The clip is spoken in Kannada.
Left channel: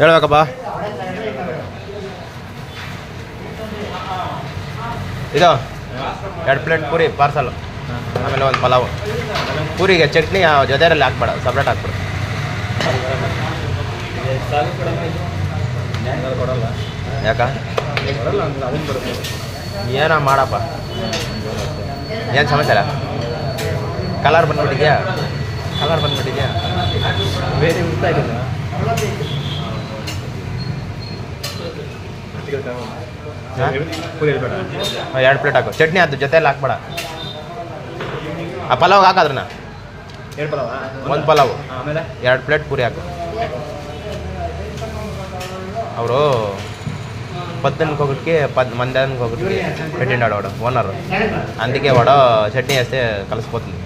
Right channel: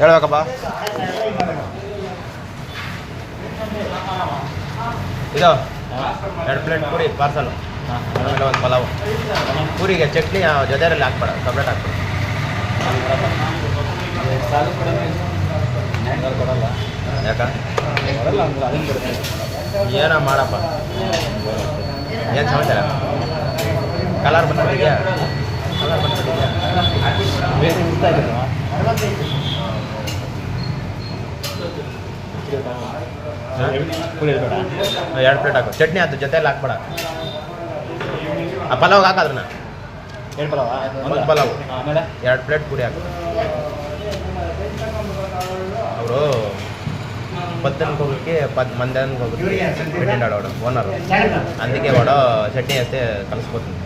ಹೇಳ್ಬೇಕಪ್ಪ. ಇದು 2 ಪ್ಲೇಟ್ ಪೂರಿ ಪಾರ್ಸಲ್, ಆಮೇಲೆ ಒಂದು ಪಲಾವು. ಪೂರಿಗೆ ಚಟ್ನಿ ಜೊತೆಯಲ್ಲಿ ಹಾಕ್ಬೇಡ, ಸಪ್ರೇಟ್ ಹಾಕ್ಬೇಡ. ಕೊಡಲ್ಲ ಯಾಕ ಕೊಡಲ್ಲ ಅಂದ್ರೆ ಅದನ್ನು ಬರುತ್ತೆ. ಏನೋ ಮಾಡಪ್ಪ. ಏನು ಸಮಾಚಾರ? ಕಲರ್ ಬಂದ್ಬಿಟ್ಟಿದ್ಯಾ? ಬೇರೆ ಇರ್ತಾ ಇದ್ದೀರ ಪೂರಿ ಬೇಡ, 2 ಪ್ಲೇಟ್ ಹಾಕು. ಚಟ್ನಿ ಅದು ಜೊತೆಯಲ್ಲಿ ಹಾಕ್ಬೇಡ. ಆ ಪಲಾವ್ ಹಾಕಾದ್ರನ್ನ 2 ಪಲಾವ, ಒಂದು ಪಲಾವು, ಆಮೇಲೆ 2 ಪ್ಲೇಟ್ ಪೂರಿ ಹಾಕು. ಅವರು పద్దెనిమిది ఒకటికి మందానికి ఒకటికి పెట్టిండాడు వాడు ఓనరు. అందుకే వాడు చట్నీ వేస్తే కలిసిపోతుంది.